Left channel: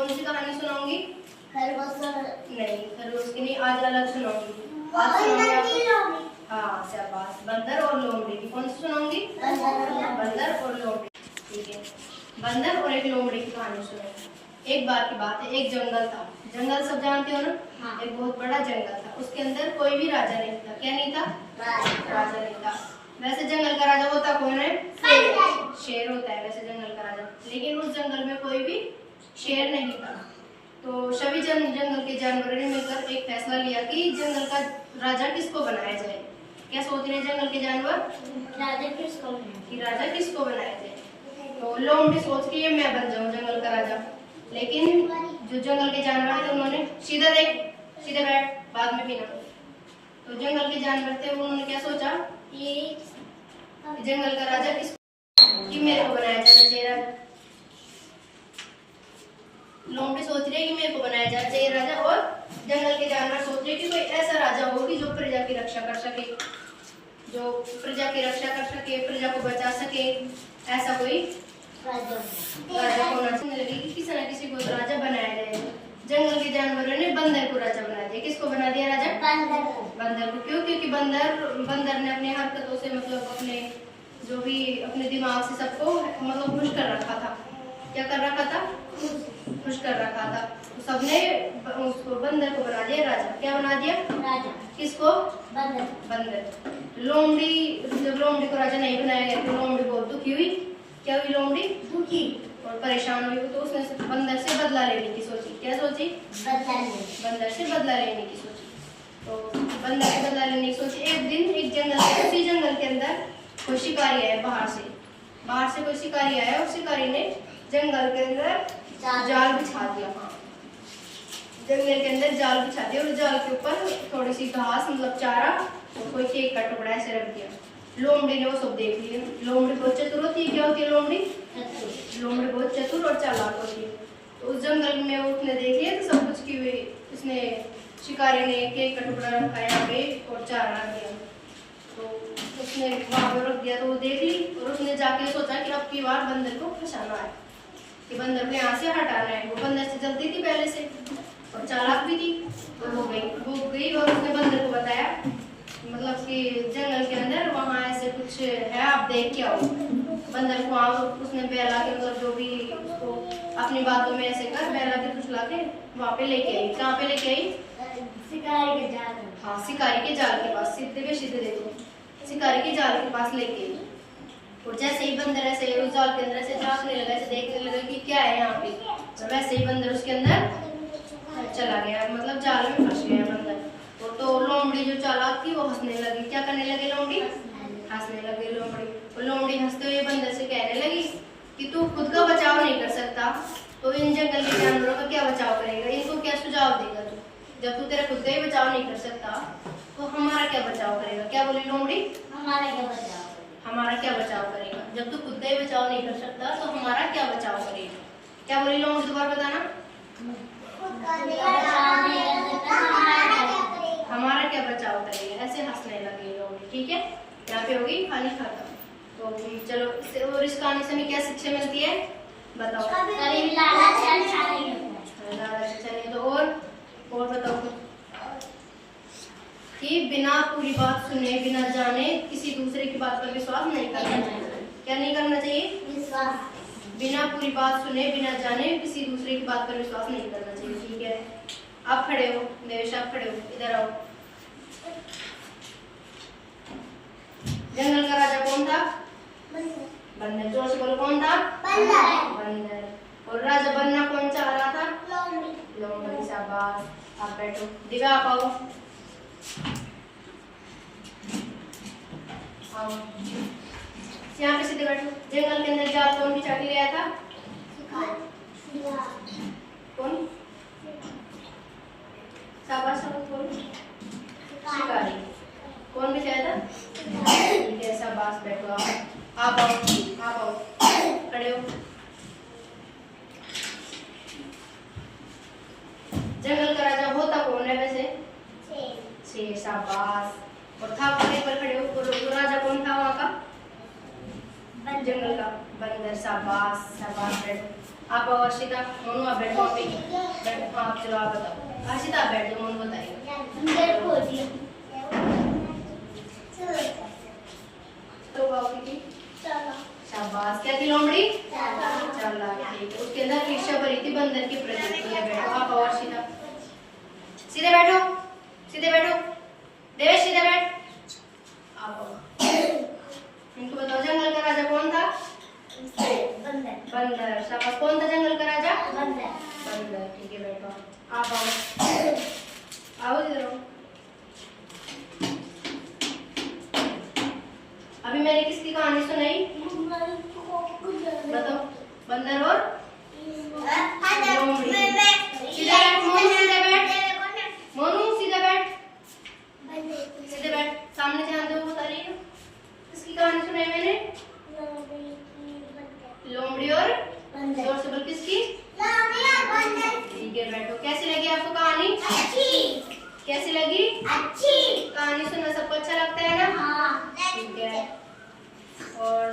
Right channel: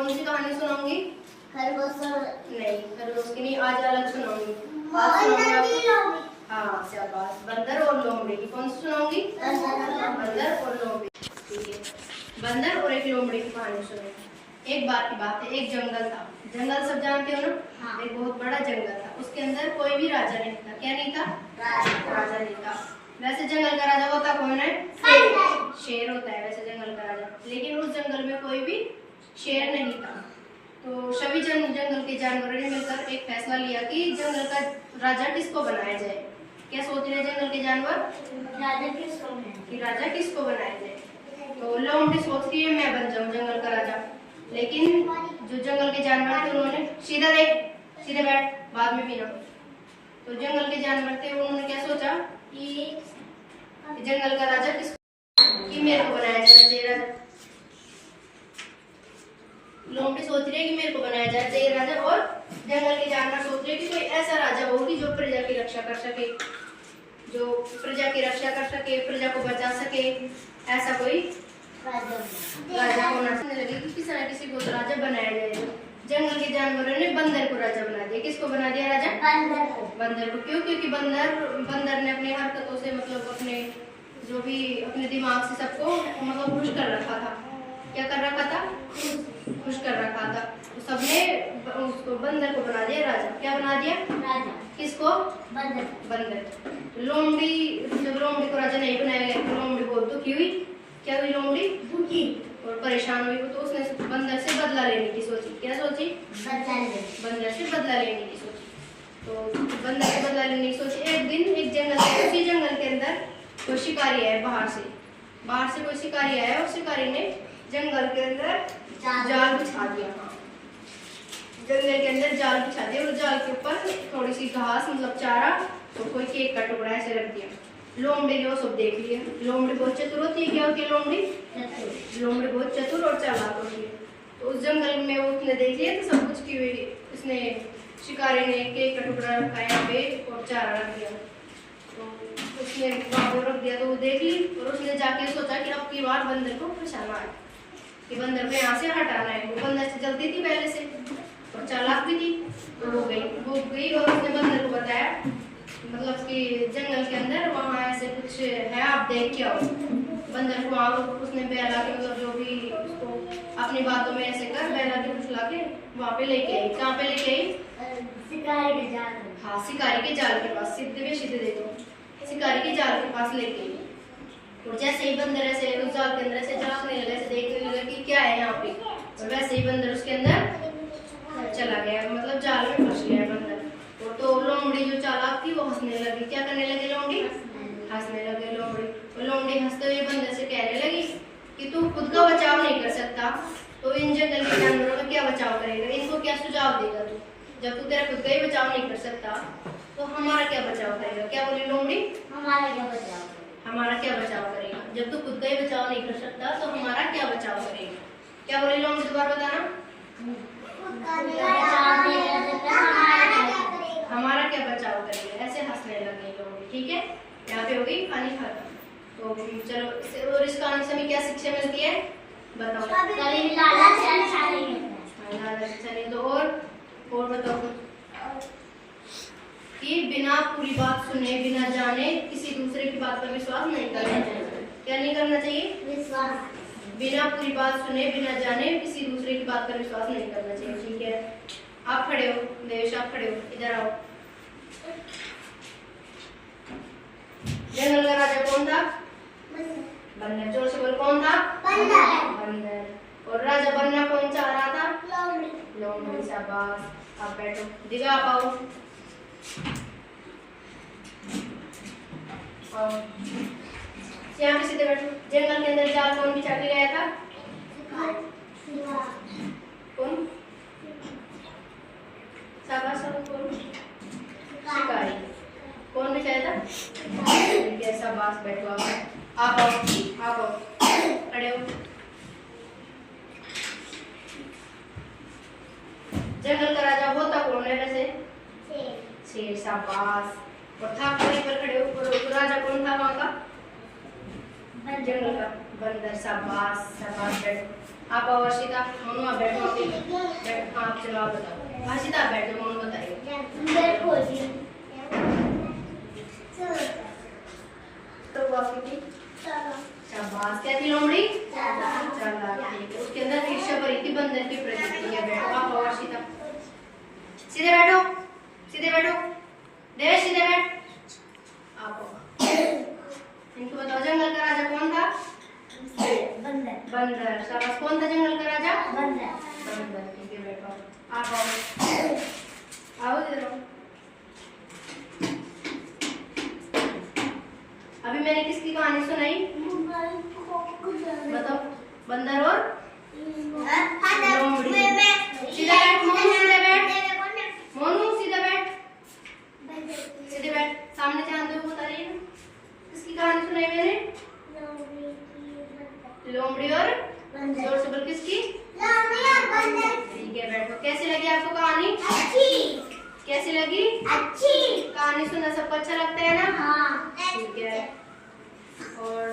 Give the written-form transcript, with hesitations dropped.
कौन सी कहानी सुनाऊंगी? खरगोश नहीं, खरगोश की नहीं, आज अलग सुनाऊंगी। आज सुनाऊंगी आपको, हाँ शाबाश, बंदर और लोमड़ी की। कौन सी सुनाऊंगी? बंदर और लोमड़ी। ठीक है, बंदर और एक लोमड़ी की कहानी सुनेंगे। एक बार की बात है, एक जंगल था। जंगल सब जानते हो ना? हाँ। एक बहुत बड़ा जंगल था, उसके अंदर कोई भी राजा नहीं था। क्या नहीं था? राजा नहीं था। वैसे जंगल का राजा होता कौन है? शेर होता है वैसे जंगल का राजा, लेकिन उस जंगल में कोई भी शेर नहीं था। तो सभी जंगल के जानवरों ने मिलकर एक फैसला लिया कि जंगल का राजा किसको बनाया जाए। क्या सोच रहे जंगल के जानवर? राजा किसको बनाया? कि राजा किसको बनाया जाए। तो लोमड़ी सोच रही है मैं बन जाऊं जंगल का राजा, लेकिन जो जंगल के जानवर थे उन्होंने सीधा देख, सीधे बैठ, बाद में पीना। तो जंगल के जानवर थे, उन्होंने क्या सोचा कि जंगल का राजा कि मेरे को बनाया जाना चाहिए राजा। लोमड़ी सोच रही है कि मेरे को बनाया जाना चाहिए राजा, और जंगल के जानवर सोच रहे कि कोई ऐसा राजा हो कि जो प्रजा की रक्षा कर सके, जो प्रजा की रक्षा कर सके, प्रजा को बचा सके, ऐसा कोई राजा होना चाहिए। लगे कि किसी न किसी को तो राजा बनाया जाएगा। जंगल के जानवरों ने बंदर को राजा बना दिया। किसको बना दिया राजा? बंदर को। क्यों? क्योंकि बंदर ने अपनी हरकतों से, मतलब अपने जो भी अपने दिमाग से सबको मतलब खुश कर रखा था। क्या कर रखा था? खुश कर रखा था। तो सबने उसको बंदर को बना दिया राजा। क्या बना दिया? राजा। किसको? बंदर। लोमड़ी, जब लोमड़ी को राजा नहीं बनाया गया तो लोमड़ी बहुत दुखी हुई। क्या हुई लोमड़ी? दुखी और परेशान हुई। तो उसने बंदर से बदला लेने की सोची। क्या सोची? बंदर से बदला लेने की सोची। तो बंदर से बदला लेने की सोची। एक दिन एक जंगल, उसी जंगल के अंदर कोई शिकारी आया बाहर से कोई शिकारी आया, और शिकारी ने जंगल के अंदर जाल बिछा दिया। हाँ, जंगल के अंदर जाल बिछा दिया, और जाल के ऊपर थोड़ी सी घास, मतलब चारा और कोई केक का टुकड़ा ऐसे रख दिया। लोमड़ी ने वो सब देख लिया। लोमड़ी बहुत चतुर होती है। क्या होती है लोमड़ी? लोमड़ी बहुत चतुर और चालाक होती है। तो उस जंगल में वो उसने देख लिया तो सब कुछ की हुई, उसने शिकारी ने केक का टुकड़ा रखा यहाँ पे और चारा रख दिया। तो उसने वहाँ पर रख दिया, तो वो देख ली, और उसने जाके सोचा कि अब की बार बंदर को फंसाना है, कि बंदर को यहाँ से हटाना है। वो बंदर से जल्दी थी पहले से और चालाक भी थी। तो वो गई और उसने बंदर को बताया, मतलब कि जंगल के अंदर वहाँ ऐसे कुछ है, आप देख के आओ। बंदर को वहाँ उसने बहला के, मतलब जो भी उसको अपनी बातों में ऐसे कर बहला के फुसला के वहाँ पे लेके आई। कहाँ पे लेके आई? शिकारी के जाल। हाँ, शिकारी के जाल के पास। सीधे पे सीधे देखो, शिकारी के जाल के पास लेके आई। और जैसे ही बंदर ऐसे उस जाल के अंदर से झांकने लगा, ऐसे देखने लगा कि क्या है यहाँ पे, और वैसे ही बंदर उसके अंदर चला गया, मतलब जाल में फंस गया बंदर। तो लोमड़ी जो चालाक थी वो हंसने लगी। क्या करने लगी लोमड़ी? हंसने लगी लोमड़ी। और लोमड़ी हंसते हुए बंदर से कहने लगी कि तू खुद का बचाव नहीं कर सकता तो इन जंगल के जानवरों का क्या बचाव करेगा? इनको क्या सुझाव देगा तू? जब तू तेरा खुद का ही बचाव नहीं कर सकता तो हमारा क्या बचाव करेगा? क्या बोली लोमड़ी? हमारा क्या बचाव करेगा? जब तू खुद का ही बचाव नहीं कर सकता तो हमारा क्या बचाव करेगा? क्या बोली लोमड़ी? दोबारा बताना। हमारा क्या बचाव करेगा? ऐसे हंसने लगे लोग। ठीक है, यहाँ पे होगी कहानी खत्म। तो चलो, और इस कहानी से हमें क्या शिक्षा मिलती है बताओ? चलिए, तो और बताओ कि बिना पूरी बात सुने, बिना जाने किसी दूसरे की बात पर विश्वास नहीं करना चाहिए। क्या नहीं करना चाहिए? विश्वास। बिना पूरी बात सुने, बिना जाने किसी दूसरे की बात पर विश्वास नहीं करना चाहिए। ठीक है, आप खड़े हो, देवेश आप खड़े हो, इधर आओ। जंगल का राजा कौन था? बंदर। जोर से बोलो, कौन था? बंदर। और राजा बनना कौन चाह रहा था? लोमड़ी। शाबाश, आप बैठो। दिव्या आप आओ। यहाँ पे सीधे बैठो। जंगल के अंदर जाल कौन बिछा के ले आया था? कौन? शाबाश, कौन? शिकारी। कौन बिछाया था? ठीक है, शाबाश, बैठो आप आओ, खड़े हो। जंगल का राजा होता कौन है वैसे? शेर। शाबाश। और था खड़े पर खड़े हो। तो राजा कौन था वहाँ का? जंगल का? बंदर। शाबाश, शाबाश, बैठो। आप आओ हर्षिता, मोनू आप बैठो, आप बैठो, आप चलो आप बताओ। हर्षिता आप बैठो, मोनू बताइए। अंदर खोलिए। तो बाकी की चलो। शाबाश, क्या थी लोमड़ी? चलो। चला, ठीक है। उसके अंदर ईर्ष्या भरी थी बंदर की प्रजाति है। बैठो आप आओ हर्षिता, सीधे बैठो, सीधे बैठो, देवेश सीधे बैठ। आप आओ। इनको बताओ जंगल का राजा कौन था? बंदर। बंदर। शाबाश, कौन था जंगल का राजा? बंदर। बंदर, ठीक है बैठो। आप आओ, आओ इधर आओ। अभी मैंने किसकी कहानी सुनाई? बताओ, बंदर और लोमड़ी। सीधा बैठ मोनू, सीधा बैठ मोनू, सीधा बैठ, सीधे बैठ, सामने ध्यान दो, बता रही हूँ। किसकी कहानी सुनाई मैंने? लोमड़ी और जोर से बोल, किसकी? ठीक है बैठो। कैसी लगी आपको कहानी? कैसी लगी? कहानी सुनना सबको अच्छा लगता है ना? ठीक है। और